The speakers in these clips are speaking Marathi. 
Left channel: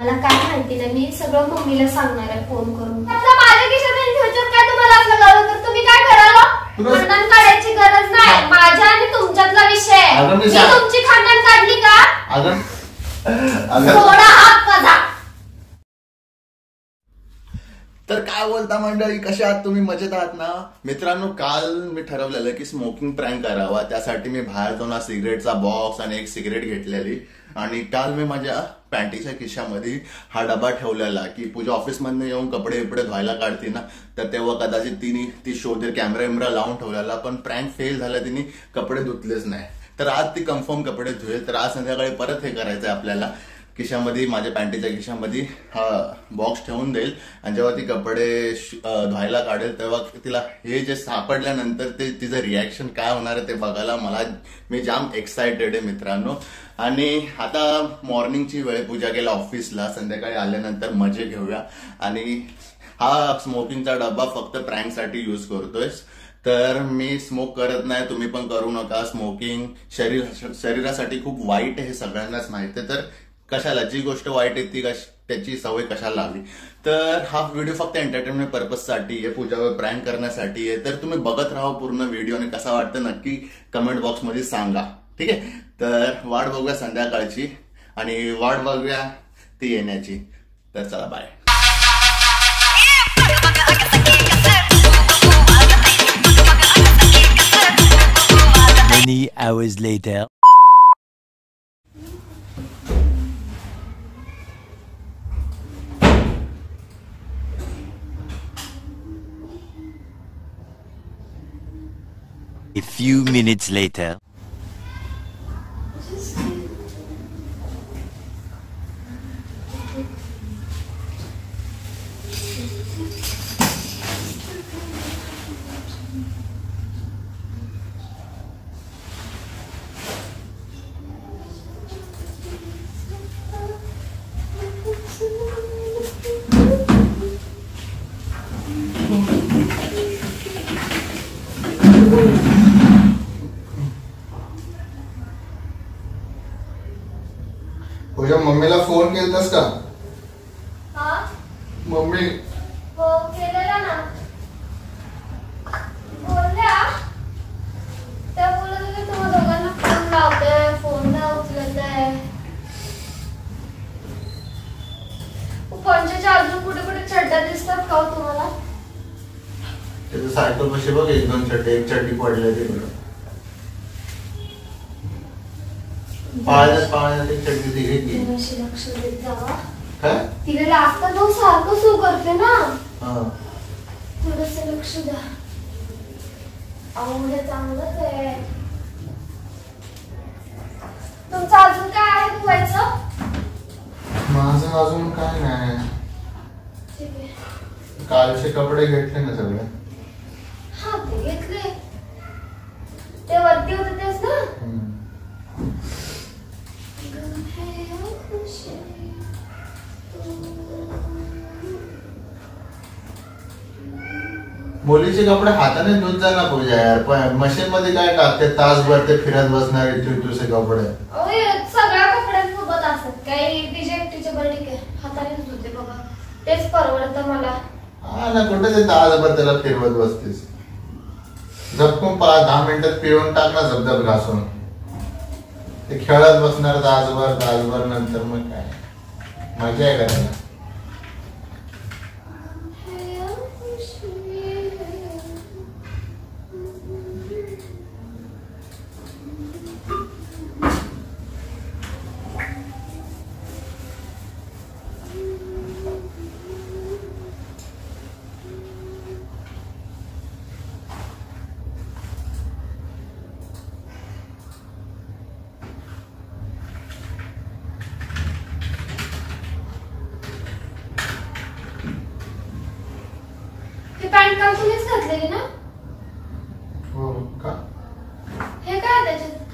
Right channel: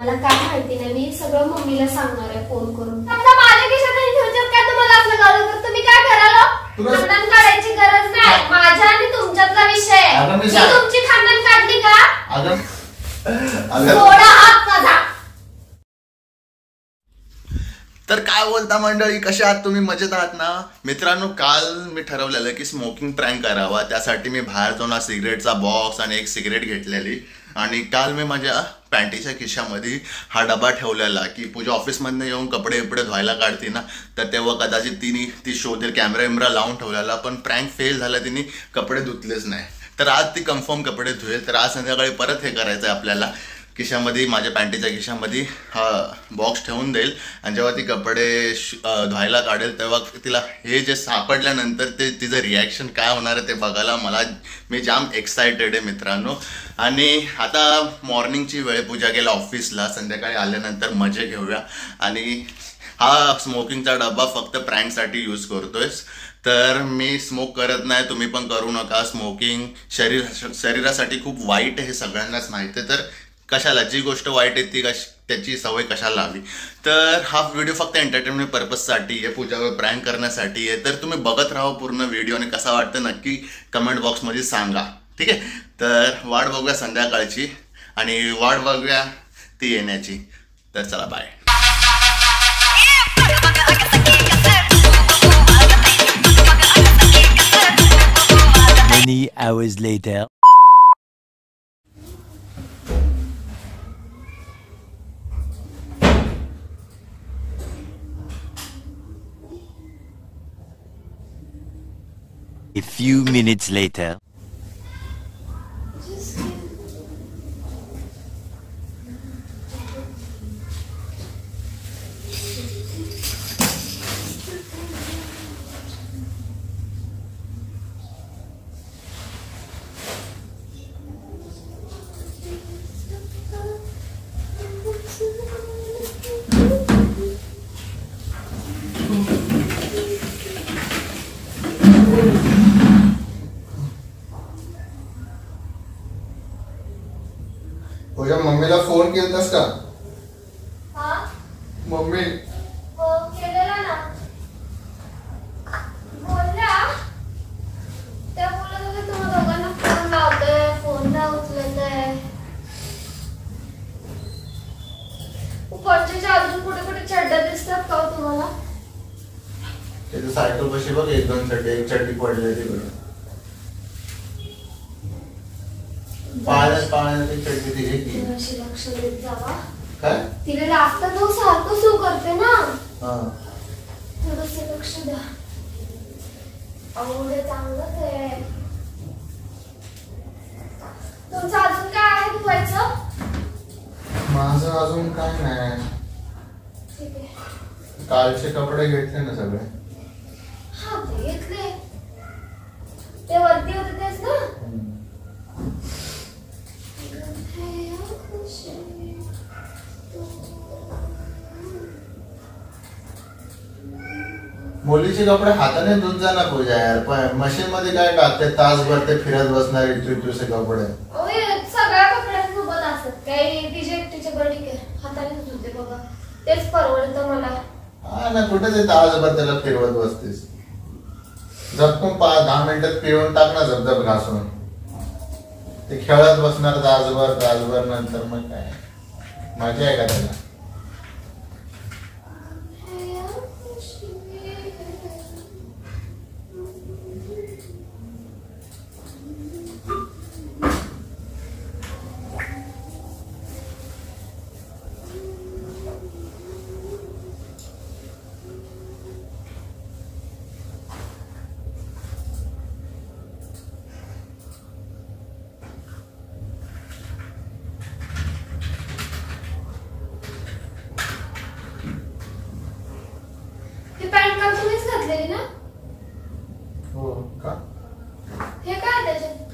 मला काय माहिती नाही, मी सगळं मम्मीला सांगणार आहे फोन करून. आता माझ्या खिशात ह्याच्यात काय तुम्हाला असलं गरज तर तुम्ही काय करायला? खानदान काढायची गरज नाही, माझ्या आणि तुमच्यातला विषय. मी तुमची खानदान काढली का? थोडा हात काढा. तर काय बोलता मंडळी, कशा आहात तुम्ही? मजेत आहात ना मित्रांनो? काल मी ठरवलेलं की स्मोकिंग प्रँक करावा, त्यासाठी मी बाहेर जाऊन सिगरेटचा बॉक्स आणि एक सिगरेट घेतलेली. आणि काल मी माझ्या पॅन्टीच्या खिशामध्ये हा डबा ठेवलेला की पूजा ऑफिसमधनं येऊन कपडे बिपडे धुवायला काढते ना, तर तेव्हा कदाचित ती शोधेल, कॅमेरा विमरा लावून ठेवलेला. पण प्रँक फेल झाला, तिने कपडे धुतलेच नाही. तर आज ती कन्फर्म कपडे धुवेल. तर आज संध्याकाळी परत हे करायचं आहे आपल्याला. खिशामध्ये, माझ्या पॅन्टीच्या खिशामध्ये हा बॉक्स ठेवून देईल आणि जेव्हा ती कपडे धुवायला काढेल तेव्हा तिला हे जे सापडल्यानंतर ते तिचं रिॲक्शन काय होणार आहे ते बघायला मी जाम एक्सायटेड आहे मित्रांनो. आणि आता मॉर्निंगची वेळ, पूजा गेला ऑफिसला, संध्याकाळी आल्यानंतर मजे घेऊया. आणि हा स्मोकिंगचा डबा फक्त प्रँकसाठी यूज करतोयस. तर मी स्मोक करत नाही, तुम्ही पण करू नका. स्मोकिंग शरीरासाठी खूप वाईट आहे, हे सगळ्यांनाच माहिती आहे. तर कशाला, जी गोष्ट वाईट आहे ती त्याची सवय कशाला हवी. तर हा व्हिडिओ फक्त एंटरटेनमेंट पर्पजसाठी आहे, पूजावर प्रँक करण्यासाठी आहे. तर तुम्ही बघत राहा पूर्ण व्हिडिओ आणि कसा वाटतं नक्की कमेंट बॉक्समध्ये सांगा, ठीक आहे? तर वाट बघूया संध्याकाळची आणि वाट बघूया ती येण्याची. तर चला, bye. Many hours later. A few minutes later. Puja, मम्मीला फोन केलतास का? मम्मी हो केलेला ना. बोलला त्या बोलत तुम्हाला दोघांना फोन लावतोय, फोनला उचलत आहे. पंचाच्या अजून कुठे कुठे चड्ड्या दिसतात का तुम्हाला? त्याचं सायकल कशी बघ, एक दोन चड्डे, एक चड्डी पडले तिकडे. पाळण्यात एक चड्डी ती घेतली. लक्ष देत जावा. काय तिला लागतं तो सारखं सू करते ना, थोडस लक्ष द्या. आवडे चांगलंच आहे. तुमचं अजून काय आहे धुवायचं? माझं अजून काय नाही. ठीक आहे. कालचे कपडे घेतले ना सगळे? हा, ते घेतले. ते वरती होते तेच ना? मुलीचे कपडे हाताने धुत जा ना पूजा यार. पण मशीन मध्ये काय टाकते, तासभर ते फिरत बसणार दुसरे कपडे. सगळ्या कपड्यांसोबत असतात. काही टी-शर्ट बरं ठीक आहे, हाताने धुते बघा, तेच परवडतं मला. हा ना, कुठे ते तासभर त्याला फिरवत बसतेस. झपकून 10 मिनिटात पिळून टाक ना, झपझप घासून. ते खेळत बसणार तासभर नंतर मग काय मजा आहे का त्याला? पॅन्ट काल तुम्हीच घातलेली ना? हो का? हे काय त्याच्यात?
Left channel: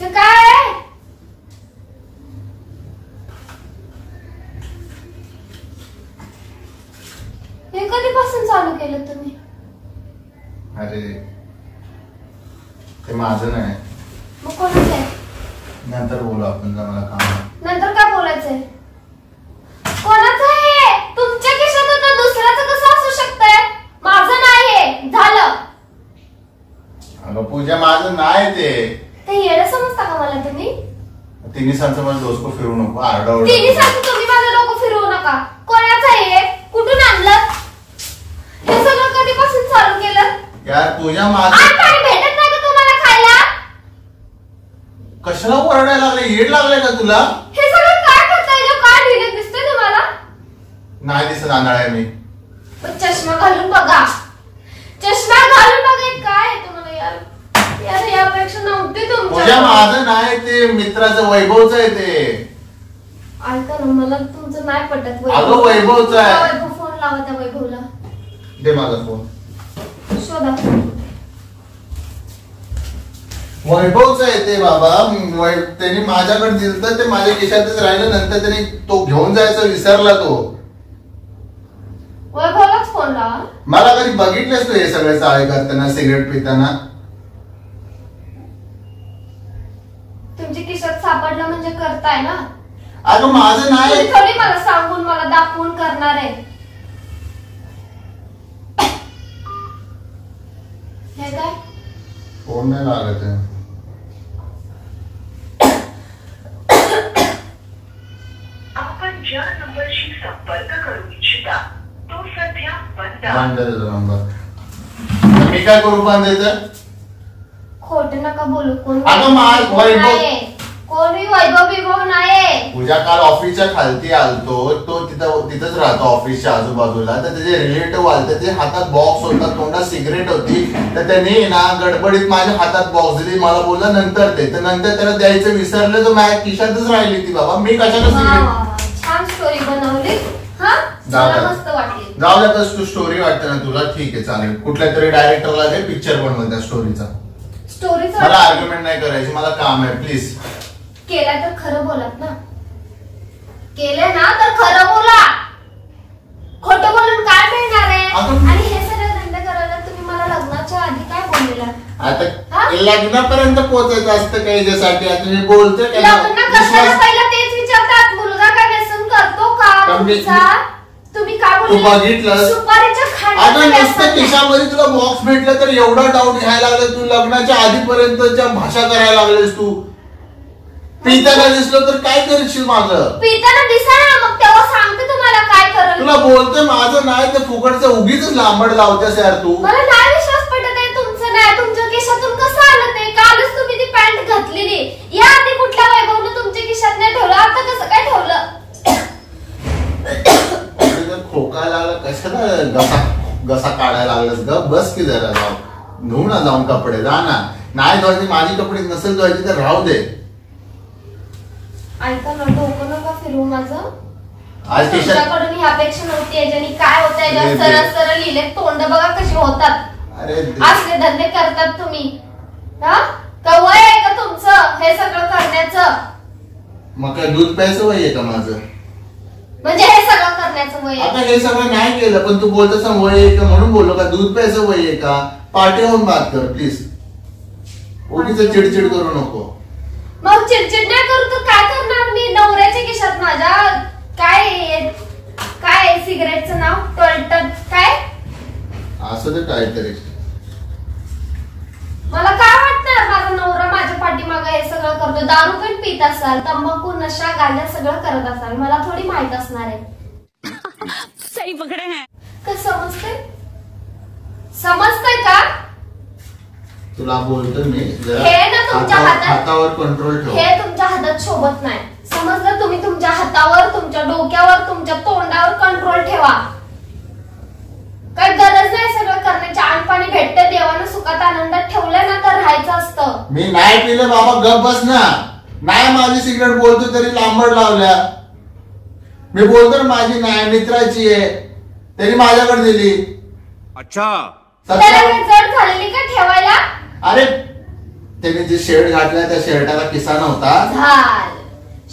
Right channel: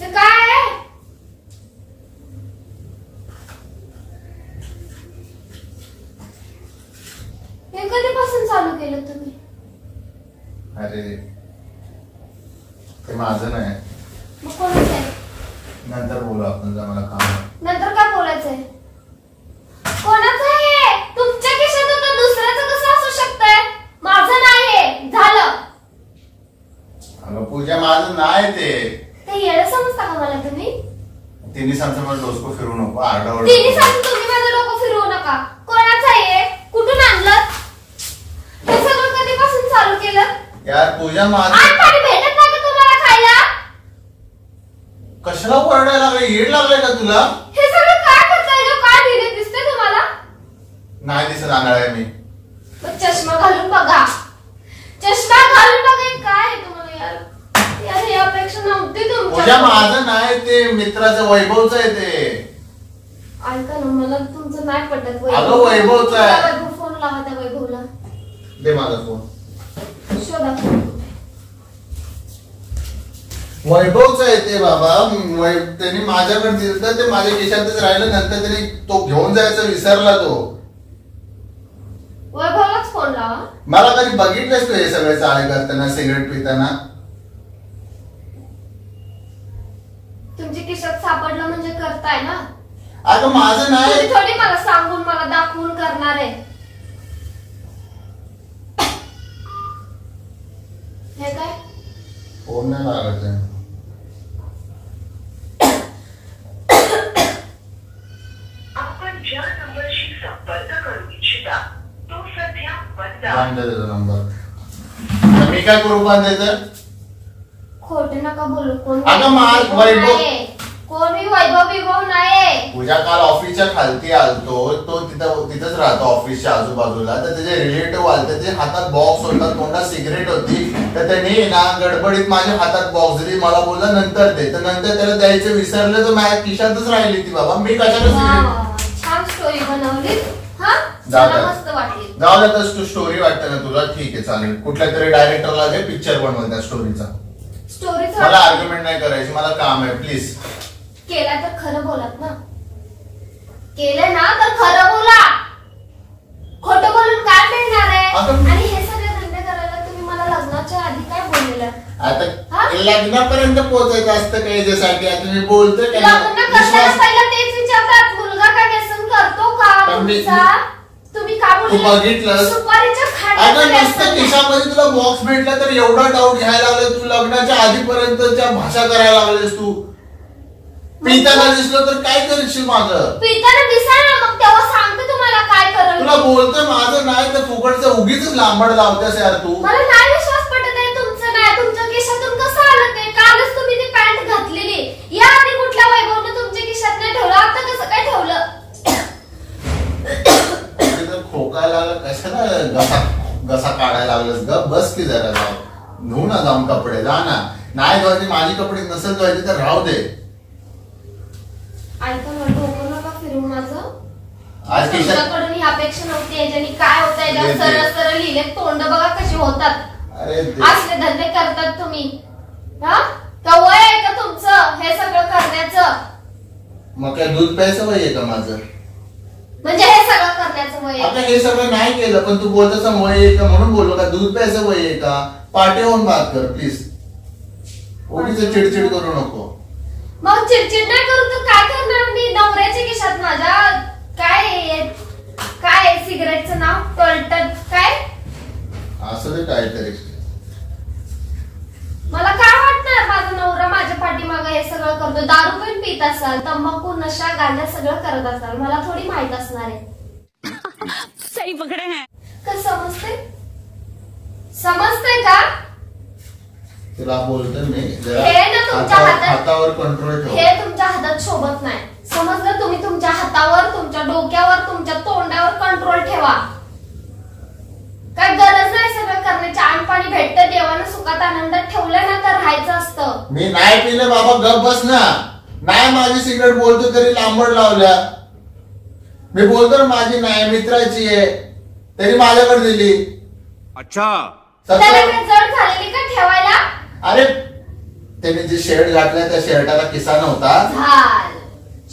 हे काय आहे? हे कधीपासून चालू केलं तुम्ही? अरे ते माझं नाही. मग कोणाचं आहे? नंतर बोलू आपण, मला काम आहे. नंतर काय बोलायचंय? कोणाचं आहे? तुमच्या खिशात होतं, दुसऱ्याचं कसं असू शकतंय? माझं नाही झालं. अगं पूजा माझं नाही ते येणं समजता का मला तुम्ही? तिन्ही सांगतो मला डोसको फिरू नको, आरडाओरडा. तिन्ही सांगतो तुम्ही माझं डोकं फिरवू नका. कोणाचं आहे? कुठून आणलं? हे सगळं कधीपासून चालू केलं? यार पूजा माझं आज पाणी भेटत नाही का तुम्हाला खायला? कशाला ओरडायला लागले? येड लागले का तुला? हे सगळं काय करताय? काय ढिले दिसते तुम्हाला? नाही दिसत आंधळा आहे मी. चष्मा घालून बघा, चष्मा घालून बघा. काय आहे तुम्हाला यार? यार ही अपेक्षा नव्हती पूजा तुमच्या. माझं नाही ते, मित्राचं वैभवचं आहे ते. ऐका ना, मला तुमचं नाही पटत. अगं वैभवचं आहे. वैभव फोन लावा त्या वैभवला. दे माझा फोन. शोधा. वैभवचं आहे ते बाबा. त्यांनी माझ्याकडे दिलं, ते माझ्या खिशातच राहिलं. नंतर त्यांनी तो घेऊन जायचा विसरला तो. वैभवलाच फोन लावा. मला कधी बघितलंस तू हे सगळे चाळे करताना, सिगरेट पिताना? तुमच्या खिशात सापडलं म्हणजे करताय ना? अगं माझं नाही. तुम्ही थोडी मला सांगून मला दाखवून करणार आहे. हे काय? फोन नाही लागत आहे. आपण ज्या नंबरशी संपर्क करू इच्छिता तो सध्या बंद आहे. बांध त्याचा नंबर. मी काय करू बांधायचं? खोट नका बोलू. कोण अगं वैभव, कोणी वैभव विभव नाही. पूजा काल ऑफिसच्या खालती आलतो, तो तिथंच राहतो ऑफिसच्या आजूबाजूला. तर त्याचे रिलेटिव्ह आलते, त्याच्या हातात बॉक्स होता, तोंडात सिगरेट होती. तर त्यांनी ना गडबडीत माझ्या हातात बॉक्स दिली. मला बोलला नंतर दे. तर नंतर त्याला द्यायचं विसरलं, तर माझ्या खिशातच राहिली ती. बाबा मी कशाला सिगरेट. छान स्टोरी बनवली. हा मस्त वाटली. जाऊ द्या, तू स्टोरी वाटते ना तुला? ठीक आहे चालेल. कुठल्या तरी डायरेक्टरला दे, पिक्चर बनवून त्या स्टोरीचा. मला आर्ग्युमेंट नाही करायची, मला काम आहे. प्लीज केलं तर खरं बोलात ना. केलं ना तर खरं बोला. खोटं बोलून काय मिळणार आहे? आणि हे सगळं धंदे करायला तुम्ही मला लग्नाच्या आधी काय बोललेलं? आता लग्नापर्यंत पोहोचायचं असतं का याच्यासाठी? आता मी बोलतोय का? लग्न करताना पहिला तेच विचारतात, मुलगा काय व्यसन करतो का तुमचा? तुम्ही काय तू बघितलं? सुपारीच्या अगं खाण्याचं नुसतं खिशामध्ये तुला बॉक्स भेटला तर एवढा डाऊट घ्यायला लागला. तू लग्नाच्या आधीपर्यंतच्या भाषा करायला लागलीस. तू पिताना दिसलं तर काय करशील? माझं पिताना दिसा ना, मग तेव्हा सांगते तुम्हाला काय कराल. तुला बोलतोय माझं नाही तर फुकटचं उगीच लांबड लावतेस यार तू. मला नाही विश्वास पटत आहे तुमचं. नाही तुमच्या खिशातून कसं आलं ते? कालच तुम्ही ती पॅन्ट घातलेली. या आधी कुठल्या वैभवने तुमच्या खिशात नाही ठेवलं, आता कसं काय ठेवलं? खोका लागला, कशाला घसा काढायला लागलास? ग बस की जरा, जाऊ धुऊ ना जाऊन कपडे. जा ना. नाही धुवायचे माझी कपडे, नसेल धुवायची तर राहू दे. ऐका ना, डोकं नका फिरू माझं. आज तुमच्याकडून ही अपेक्षा नव्हती. याच्यानी काय होत आहे? सरळ सरळ लिहिले, तोंड बघा कशी होतात. अरे असले धंदे करतात तुम्ही. हा का वय आहे का तुमचं हे सगळं करण्याचं? मग काय दूध प्यायचं वय आहे का माझं? म्हणजे हे सगळं करण्याचं वय? आता हे सगळं नाही केलं पण तू बोलतस वय आहे का म्हणून बोललो का? दूध प्यायचं वय आहे का? पाठी होऊन बात कर प्लीज. उगीच चिडचिड करू नको. मग चिडचिड नाही करू तर काय करणार मी? नवऱ्याच्या खिशात माझ्या काय सिगरेटचं नाव टोल्टन काय असं ते काहीतरी. मला काय वाटणार? माझा नवरा माझ्या पाठीमागे हे सगळं करतो. दारू पण पित असाल, तंबाखू नशा गांजा सगळं करत असाल, मला थोडी माहित असणार आहे. सही पकडे हैं. का समजतंय का? तुला बोलतोय मी, हे ना तुमच्या हातावर कंट्रोल ठेव. हे तुमच्या हातात शोभत नाही, समजलं? तुम्ही तुमच्या हातावर, तुमच्या डोक्यावर, तुमच्या तोंडावर कंट्रोल ठेवा. काय गरज नाही सगळं करण्याची. आणपाणी भेटतं, देवानं सुखात आनंदात ठेवलं ना तर राहायचं असतं. मी नाही पिलं बाबा, गप बस ना. नाही माझी सिगरेट बोलतो तरी लांबड लावल्या. मी बोलतो ना माझी नाही, मित्राची आहे, त्यांनी माझ्याकडे दिली. अच्छा त्याला जड झालेली का ठेवायला? अरे त्याने जे शर्ट घातलाय त्या शर्टाला किसा नव्हता.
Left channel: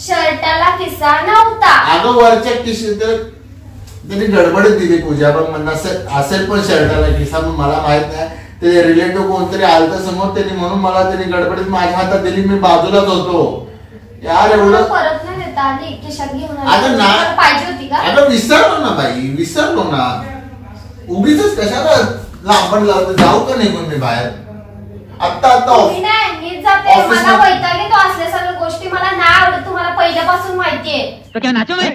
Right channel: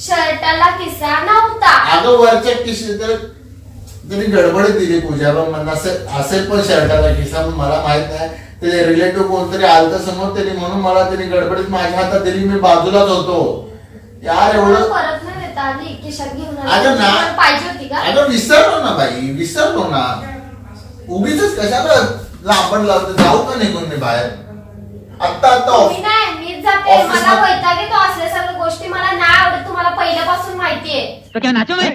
शर्टाला किसा नव्हता. अगं वरच्या किशी त्यांनी गडबडीत दिली पूजा. मग म्हणणं असेल पण शर्टाला किसा, मग मला माहित नाही. ते रिलेटिव्ह कोणतरी आलतं समोर, त्यांनी म्हणून मला त्यांनी गडबडीत माझ्या हातात दिली. मी बाजूलाच होतो. यार एवढं परत नाही देता आली, खिशात घेऊन अगं ना, पाहिजे होती का? अगं विसरलो ना बाई, विसरलो ना. उगीच कशाला लांबण लावतो, जाऊ का निघून मी बाहेर? आता नाही, मीच जाते. मला वैताग येतो असल्या सगळ्या गोष्टी, मला नाही आवडत. तुम्हाला पहिल्यापासून माहितीये. तो क्या नाचो मैं?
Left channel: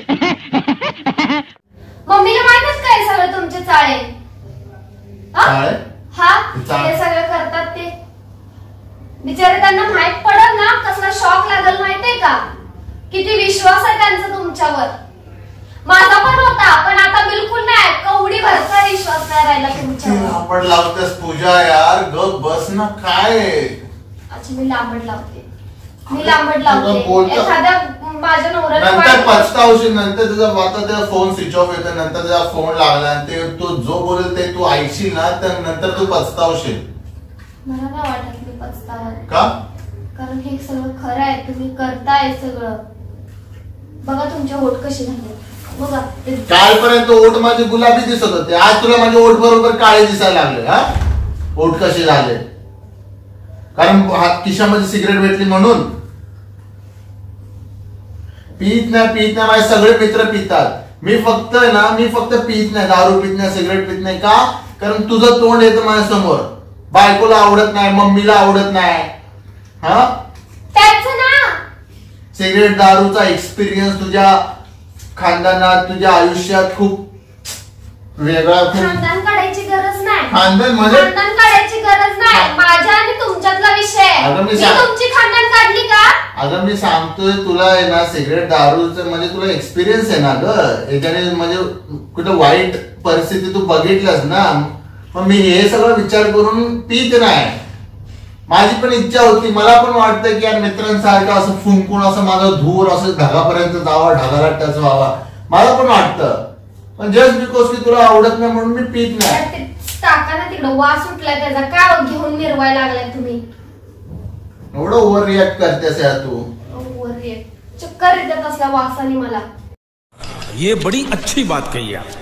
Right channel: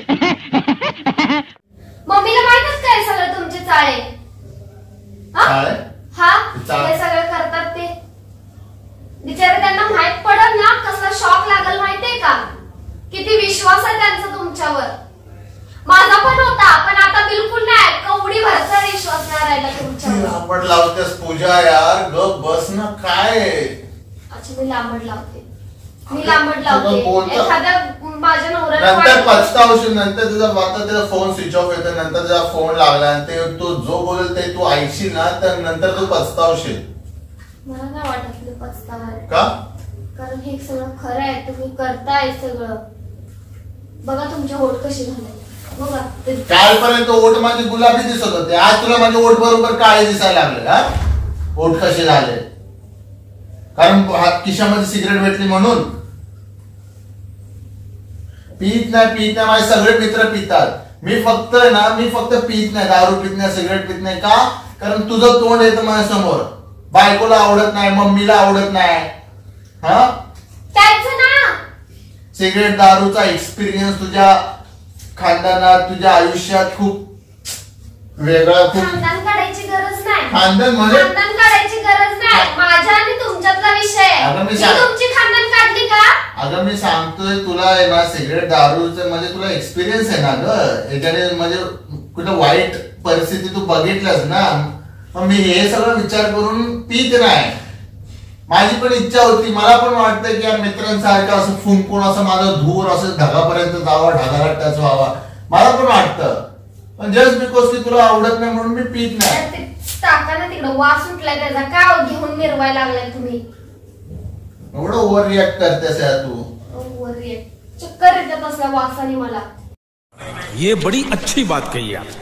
मम्मीला माहितच काय सगळं तुमचे चाळे? हा ते सगळं करतात ते. बिचारे त्यांना माहित पडत ना कसला शॉक लागल माहितीये का? किती विश्वास आहे त्यांचा तुमच्यावर. माझा पण होता, पण आता बिलकुल नाही. कवडी भरचा विश्वास नाही राहिला तुमच्यावर. आपण लावतेस पूजा यार, गप बस ना. काय अच्छा, मी लांबड लावते. एखाद्या माझ्या नवऱ्याला नंतर पछतावशील. नंतर तुझा फोन स्विच ऑफ येतो, नंतर तुझा फोन लागला आणि ते तू जो बोलेल ते तू ऐकशील ना, तर नंतर तू पछतावशील. मला नाही वाटत मी पछतावा का? कारण हे सगळं खरं आहे. तुम्ही करताय सगळं. बघा तुमचे ओठ कसे झाले बघा. कालपर्यंत ओठ माझे गुलाबी दिसत होते, आज तुला माझे ओठ बरोबर काळे दिसायला लागले. हा, ओठ कसे झाले? कारण खिशामध्ये सिगरेट भेटली म्हणून. पीत नाही माझे सगळे मित्र पितात. मी फक्त पीत नाही, दारू पीत नाही, सिगरेट पीत नाही. का? कारण तुझं तोंड येतं माझ्या समोर. बायकोला आवडत नाही, मम्मीला आवडत नाही. हा, त्याचं ना सिगरेट दारूचा एक्सपिरियन्स तुझ्या खानदानात, तुझ्या आयुष्यात खूप वेगळा. खानदान काढायची गरज नाही. खानदान काढायची गरज नाही. माझ्या आणि तुमच्यातला विषय. तुमची खानदान काढली का? अगं मी सांगतोय तुला ना, सिगरेट दारूचं म्हणजे तुला एक्सपिरियन्स आहे ना ग. याच्याने म्हणजे कुठं वाईट परिस्थिती तू बघितलंस ना. मग मी हे सगळं विचार करून पीत नाही. माझी पण इच्छा होती, मला पण वाटतं की यार मित्रांसारखं असं फुंकून असं माझं धूर असं ढगापर्यंत जावा, ढगाराट्याच व्हावा. मला पण वाटतं, पण जस्ट बिकॉज की तुला आवडत नाही म्हणून मी पीत नाही. टाका ना तिकडं, वास उठलाय त्याचा. काय घेऊन मिरवायला लागलाय तुम्ही? एवढं ओव्हर रिॲक्ट करतेस यार तू. ओव्हर रिॲक्ट, चक्कर येतात असला वासाने मला. ये बड़ी अच्छी बात कही आप.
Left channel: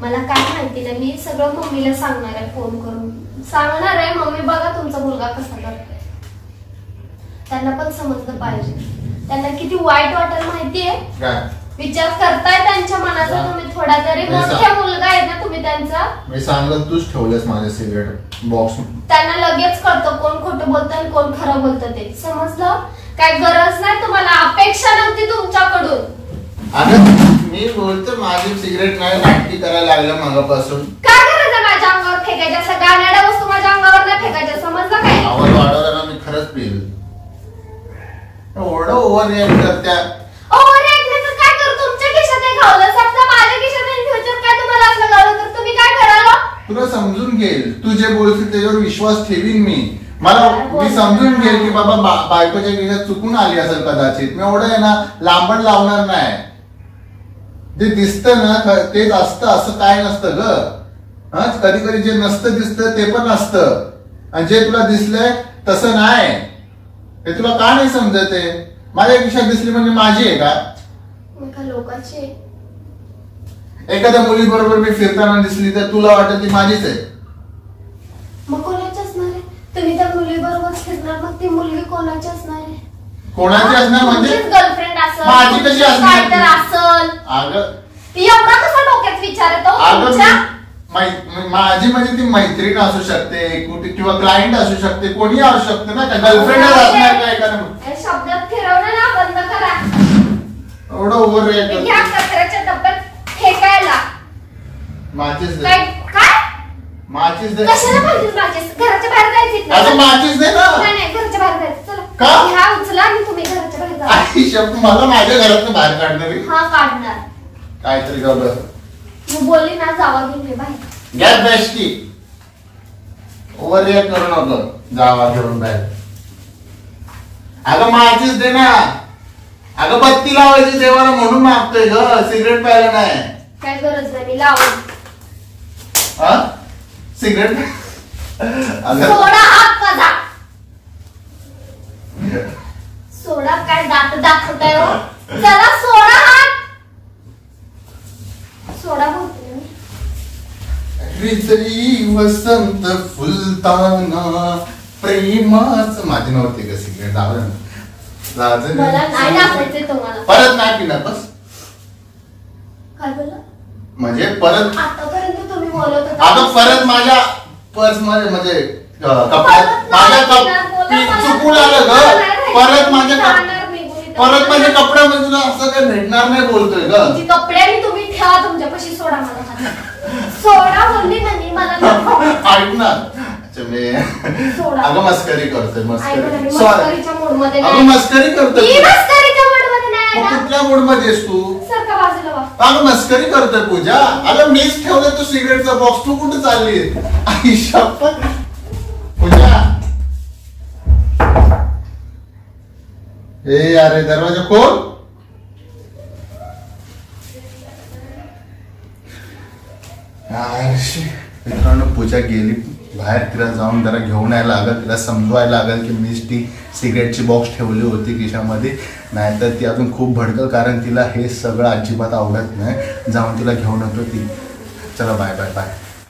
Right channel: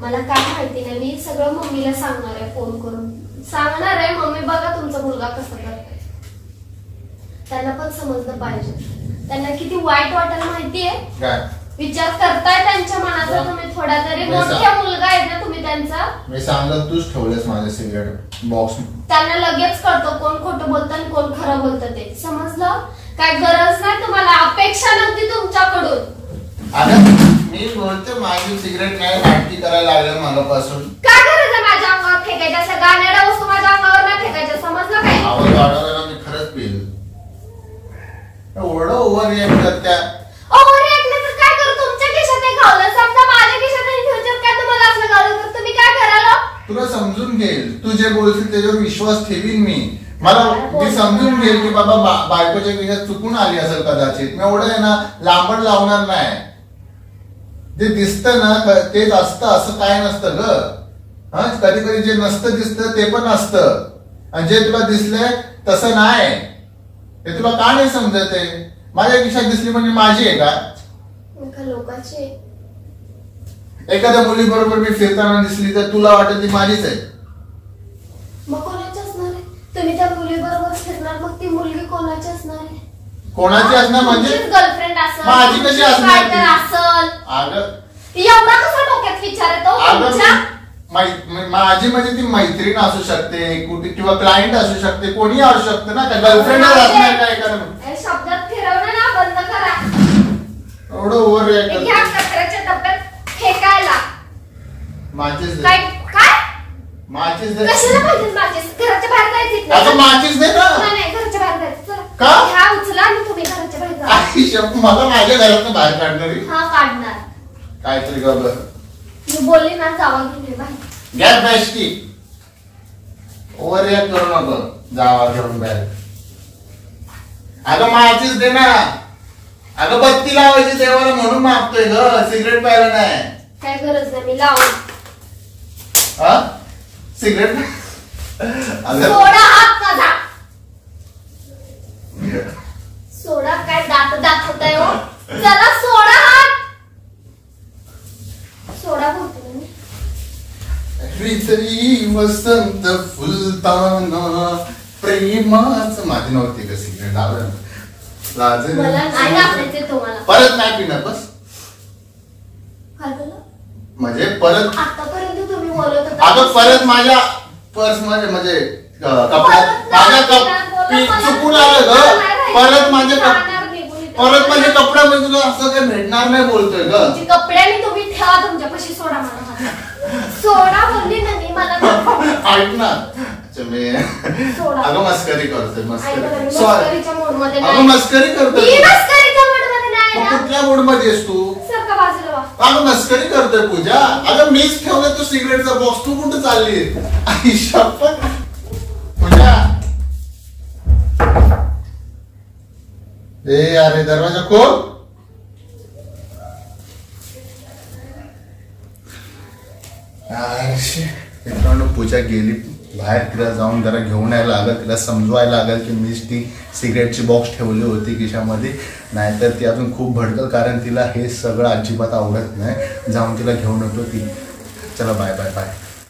मला काय माहिती नाही. मी सगळं मम्मीला सांगणार आहे, फोन करून सांगणार आहे. मम्मी बघा तुमचा मुलगा कसा करतोय. त्यांना पण समजलं पाहिजे. त्यांना किती वाईट वाटेल माहितीये. विचार करताय त्यांच्या मनाचा तुम्ही थोडा तरी. मोठा मुलगा आहे ना तुम्ही त्यांचा. मी सांगत तूच ठेवलेस माझ्या सिगरेट बॉक्स. त्यांना लगेच कळतं कोण खोटं बोलतं आणि कोण खरं बोलतं ते. समजलं? काय गरज नाही तुम्हाला, अपेक्षा नव्हती तुमच्याकडून. मी बोलतो माझी सिगरेट नाही नाटकी करायला लागलं मागापासून. काय गरज आहे माझ्या अंगावर फेकायच्या? अशा गाण्याड्या वस्तू माझ्या अंगावर नाही फेकायच्या. समजलं काय? आवाज वाढवला ना मी खरंच पिल. एवढं ओव्हर रिॲक्ट करत्या. ओव्हर रिॲक्ट नाही तर काय करू? तुमच्या खिशात एक घावलं समजा, माझ्या खिशात एक फ्युचर. काय तुम्हाला असलं घालू तर तुम्ही काय कराल? तुला समजून घेईल. तू जे बोलशील त्याच्यावर विश्वास ठेवीन मी. मी समजून घेईल की बाबा बायकोच्या खिशात चुकून आली असेल कदाचित. मी एवढं आहे ना लांबण लावणार नाही. जे दिसतं ना तेच असतं असं काय नसतं ग. हा, कधी कधी जे नसतं दिसतं ते पण असतं, आणि जे तुला दिसलंय तसं नाही. हे तुला का नाही समजत आहे? माझ्या खिशात दिसली म्हणजे माझी आहे का? लोकांची. एखाद्या मुली बरोबर मी फिरताना दिसली तर तुला वाटत ती माझीच आहे. मग कोणाची असणार आहे? तुम्ही त्या मुली बरोबर फिरणार, मग ती मुलगी कोणाची असणार आहे? कोणाची असणार म्हणजे? गर्लफ्रेंड असेल, माझी कशी असणार? काय तर असेल. अगं एवढा कसा डोक्यात विचार येतो? माझी म्हणजे ती मैत्रीण असू शकते कुठे, किंवा क्लायंट असू शकते, कोणी असू शकते ना. गर्लफ्रेंड असणार काय का? शब्दात फिरवणं ना बंद करा. एवढं ओव्हर रिॲक्ट करते. ह्या कचऱ्याच्या डब्यात फेकायला. माचीस काय? माचीस दे. कशाला पाहिजे माचीस? घराच्या बाहेर जायचं. अगं माचीस दे ना. नाही, घराच्या बाहेर जायचं. चला का? ह्या उचला आणि तुम्ही घराच्या बाहेर जा. आई शब्द मला माझ्या घरातून बाहेर काढणारी. हा, काढणार. काहीतरी गबळ. मी बोलली ना जावा घेऊन बाहेर. गॅस बेस्टी ओव्हर रिॲक्ट करू नको. जावा घेऊन बाहेर. अगं माचीस दे ना. अगं बत्ती लावायची देवाला म्हणून मागतोय ग, सिगरेट प्यायला नाही. काय गरज नाही, मी लावून. हा, सिगरेट सोडा हात माझा. सोडा. काय दात दाखवताय हो? चला सोडा हात. सोडा बोलतो तरी वसंत फुलताना प्रेमाच माझी नव्हती का सिगरेट मला नाही दाखवायचे तुम्हाला. परत नाही पिणार बस. काय बोलला म्हणजे परत आतापर्यंत तुम्ही बोलत होता आता परत माझ्या पर्स मध्ये म्हणजे कपड्यात चुकून आलं ग. परत माझे कपड्यामध्ये तुला असं काही भेटणार नाही बोलतोय ग. कपड्याने तुम्ही ठेवा तुमच्यापाशी. सोडा मला सोडा बोलली ना मी. मला ऐक ना. मी अगं मस्करी करतोय. मस्करीच्या मूड मध्ये अगं मस्करी करतोय. कुठल्या मूड मध्ये आहेस तू? अगं मस्करी करतोय पूजा. अगं मीच ठेवलं तू सिगरेटचा बॉक्स. तू कुठं चालली आयुष्या पूजा? ए अरे दरवाजा खोल. मित्रांनो पूजा गेली बाहेर. तिला जाऊन जरा घेऊन यायला लागल. तिला समजवायला लागल की मीच ती सिगरेटची बॉक्स ठेवली होती खिशामध्ये. नाहीतर ती अजून खूप भडकल कारण तिला हे सगळं अजिबात आवडत नाही. जाऊन तिला घेऊन येतो ती. चला बाय बाय बाय.